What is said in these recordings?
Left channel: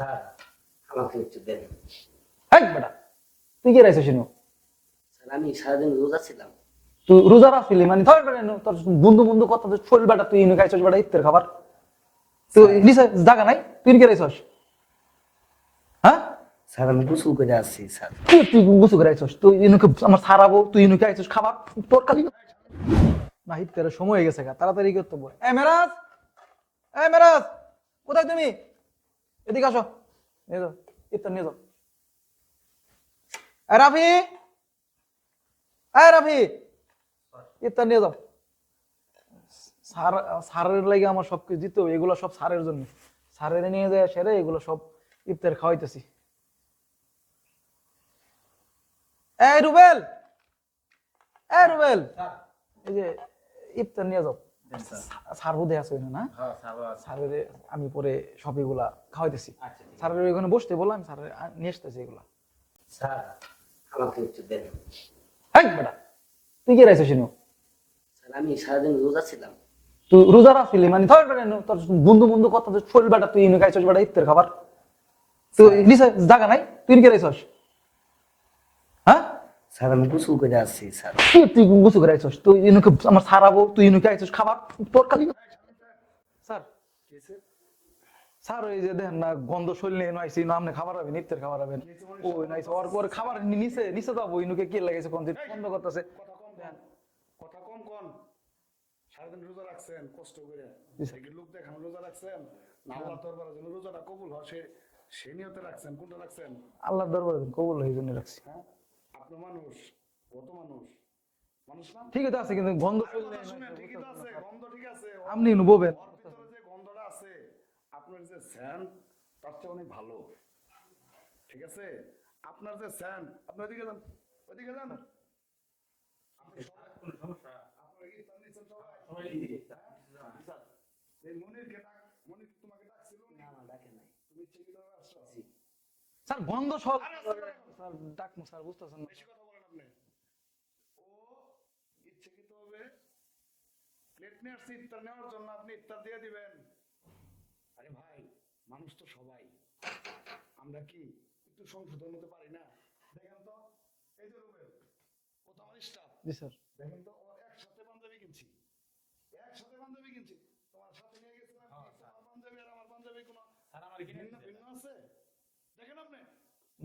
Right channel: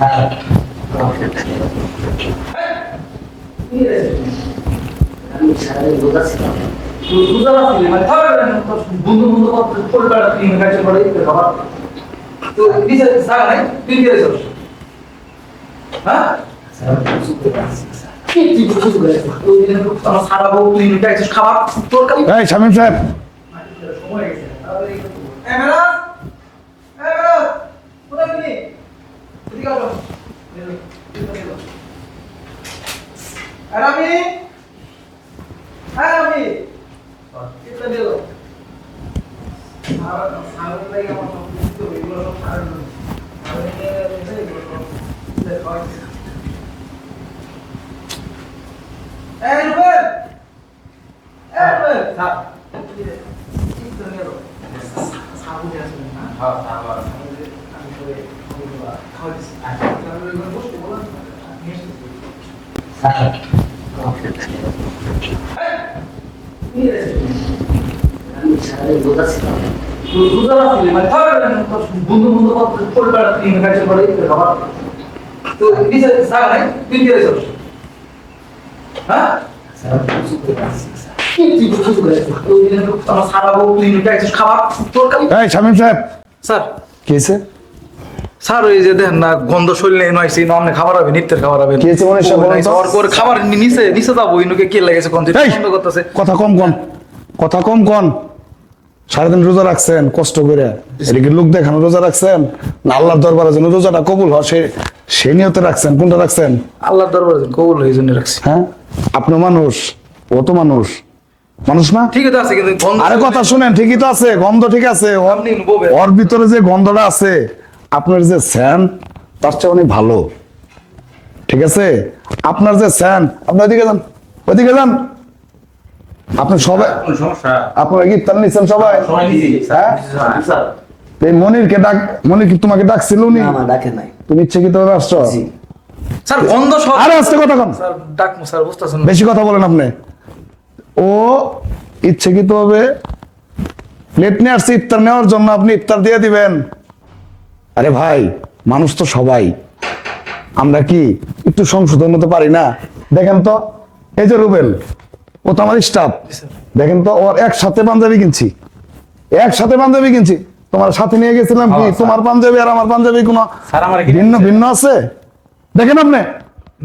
এই, তুই কি রেখেছিস? রোজা রাখছিলি মানে বন্ধু বন্ধু পরিবার তুই কাছে পড়ে খাবার তো নিজে জায়গা নাই তুই কি রেখেছিস? হ্যাঁ তুই তুই বুঝতে পেরেছিস তুই এরকম আমরা সারা বউ তুই খাইছিস খাবার তোর কাছে এই শামীম সাহেব না তোর সময় হয়ে গেছে তাড়াতাড়ি করতে হবে। এই মেরাজ কোথায় তুমি এদিকে আসো রাবি রাবি এটা নিয়ে যাও সারের লাগে আমার সব কিছু তো এগুলো সব সারের জন্য সারের নিয়ে এলে এগুলো সব ইফতার খাওয়াইতেছে এই রুবেল স্যার ইফতার নিয়ে যাও সারুদে আছে না হ্যাঁ সারুদে আমি করে সবগুলো খাওয়াইতেছি সারুদে ওখানে বসতে বললাম নিয়ে এসেছি তুই কি রেখেছিস? রোজা রাখছিলি মানে বন্ধু বন্ধু পরিবার তুই কাছে পড়ে খাবার তো নিজে জায়গা নাই তুই কি রেখেছিস? হ্যাঁ তুই তুই বুঝতে পেরেছিস তুই এরকম আমরা সারা বউ তুই খাইছিস খাবার তোর কাছে এই শামীম সাহেব স্যার কি হয়েছে? স্যার ওই যে দেখেন না গন্ধ শরীরে নয়ছি না আপনি খাবার হবে নিত্যের খাবার হবে কি হয়েছে মনে হয় বলেন তো? ওর করে খাবার নিচে নিচে যাবো ইনুকে কি লেগেছে কোন এই, বন্ধ করতেছে কথা কম কন কথা কম কন সারাদিন রোজা রাখছেন কষ্ট করে এদিকে লোক দেখানো রোজা রাখছেন না আল্লাহর দরবারে যেন রোজাটা কবুল হয় সে নিয়তে রাখছেন কোনটা রাখছেন? আল্লাহর দরবারে কবুল হয়ে জন্য রাখছি হ্যাঁ আপনি মানুষ ও তো মানুষ মানুষ না? ঠিকই তো আছে কিন্তু গন্ধ আরে কথা শুনেন ঠিকই তো আছে গন্ধ ঠিক আছে আপনি বলবেন। ওর ভিতরে যে গন্ধটা আছে আপনার যে স্যান তার চেয়ে অনেক ভালো ঠিক আছে আপনার যে স্যান আপনি ওইদিকে যান আপনি সবাই আপনারা কি ইফতার নিচ্ছেন সবাই হ্যাঁ এই মনির কি তোমাকে ডাকছিল উনি তুমি ইচ্ছে ভাবে আসছো স্যার গন্ধ সব আরে আস্তে কথা কন স্যার ডাক স্যার বুঝতেছেন বেশি কথা বলেন আপনি ও ইচ্ছাকৃত ভাবে প্লেট নিয়ে আসছে ইফতার নেওয়ার জন্য আপনি ইফতার দিয়ে দিবেন আরে ভাই মানুষ তো সবাই আমরা কি একটু সংশোধন হতে পারি না দেখেন তো এই যে রুবেল ও তো আমার স্টাফ দেখেন তো ওর একসাথে পাঞ্জাবি কিনছি তোমার সাথে নিয়ে গেছিলাম কি তোমার পাঞ্জাবি আর আমার পাঞ্জাবি কোনো ভিন্ন ভিন্ন আছে দেখেন আপনি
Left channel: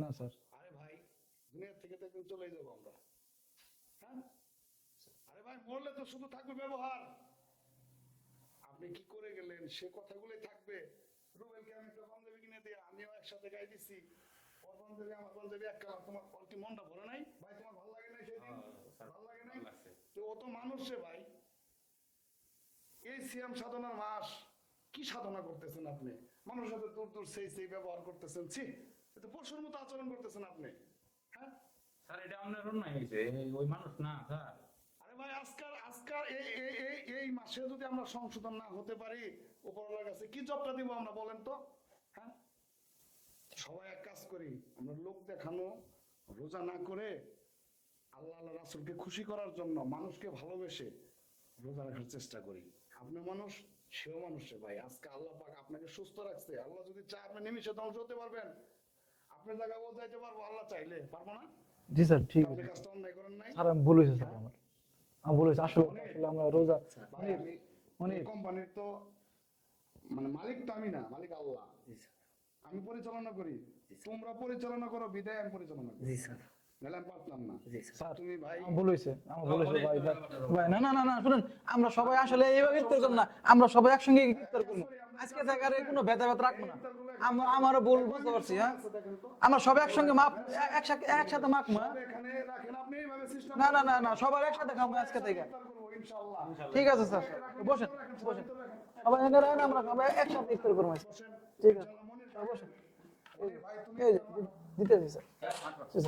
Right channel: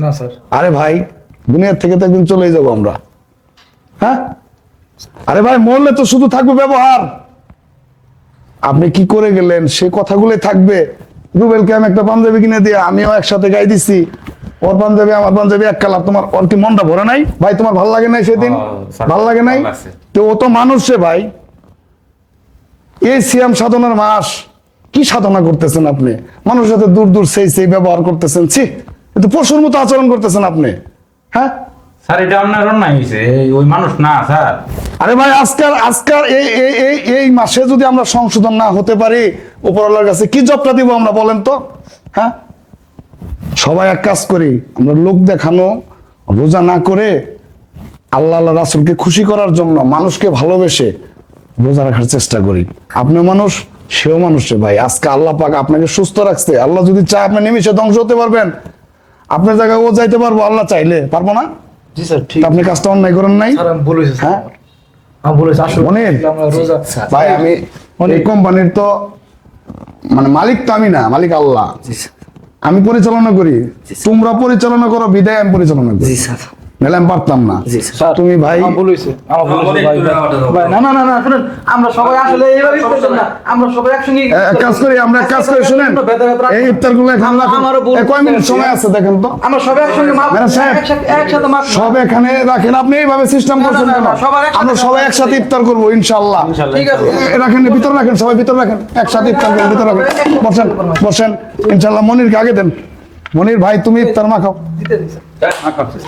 না স্যার আরে ভাই দুনিয়ার থেকে তো একদিন চলেই যাবো আমরা হ্যাঁ আরে ভাই মরলে তো শুধু থাকবে ব্যবহার আপনি কি করে গেলেন সে কথাগুলোই থাকবে রুবেলকে আমি একটা পাঞ্জাবি কিনে দিয়ে আমিও একসাথে গাই দিছি ওর পাঞ্জাবি আমার পাঞ্জাবি এক কালার তোমার ওর কি মনটা ভরে নাই ভাই তোমার ভালো লাগে নাই সেদিন ভালো লাগে নাই তো ও তো মানুষ রে ভাই এই সিয়াম সাধনার মাস কি সাধনা করতেছেন আপনি মানুষের সাথে দূর দূর সেই ব্যবহার করতেছেন ছি কিন্তু পশুর মতো আচরণ করতেছেন আপনি হ্যাঁ স্যার এটা আপনার অন্যায় হয়েছে ওই মানুষ না স্যার আরে ভাই আজকাল এই মাসে যদি আমরা সংশোধন না হতে পারি উপরওয়ালার কাছে কি জবটা দিব আমরা বলেন তো হ্যাঁ সবাই এক কাজ করি আমরা লোক দেখানো রোজা না করে আল্লাহ রাসূলকে খুশি করার জন্য মানুষকে ভালোবেসে রোজা রাখার চেষ্টা করি আপনি মানুষ সেও মানুষ রে ভাই আজকে আল্লাহ পাক আপনাকে সুস্থ রাখছে আল্লাহ যদি চায় আপনি নিমিষে ধ্বংস হতে পারবেন আপনার জায়গায় ও যাইতে পারবো আল্লাহ চাইলে পারবো না জি স্যার ঠিক তা আপনি কাজটা অন্যায় করেন নাই স্যার আমি বলেছি হ্যাঁ আমি বলেছি আসলে মনির আমরা রোজা ভাই আমি এই কোম্পানির তো মানে মালিক তো আমি না মালিক আল্লাহ আমি পরিচালনা করি তোমরা পরিচালনা করো বিদায় আমি পরিচালনা করি নাহলে আমি পারতাম না তুমি ভাই আমার বলেছি ভাই না না না না শুনেন আমরা সবাই আসলে এইভাবে করতেন না আমরা সবাই একসঙ্গে এক কাজ করি আমরা এক কাজ করি শুনেন এই ইফতার গুলো এখন আমারও বলতে কয় মিনিট সময় আছে দেখেন তো আমরা সবাই একসঙ্গে মাপ ম্যাডাম সাহেব, একসাথে মাপ সব এখানে রাখেন আপনি এইভাবে সিস্টেম করছেন না, কেন না, সবার একসাথে আমরা সবাই একসাথে ইফতার করবো ইনশাআল্লাহ ঠিক আছে রাখেন ভিতরে রাখেন সবাই ভিতরে রাখেন একসাথে ইফতার করবো ভিতরে রাখেন বসেন ইনশাআল্লাহ মনিরকে আগে দেন মনির ভাই তুমি ইফতার মাখাও দিতে দিন স্যার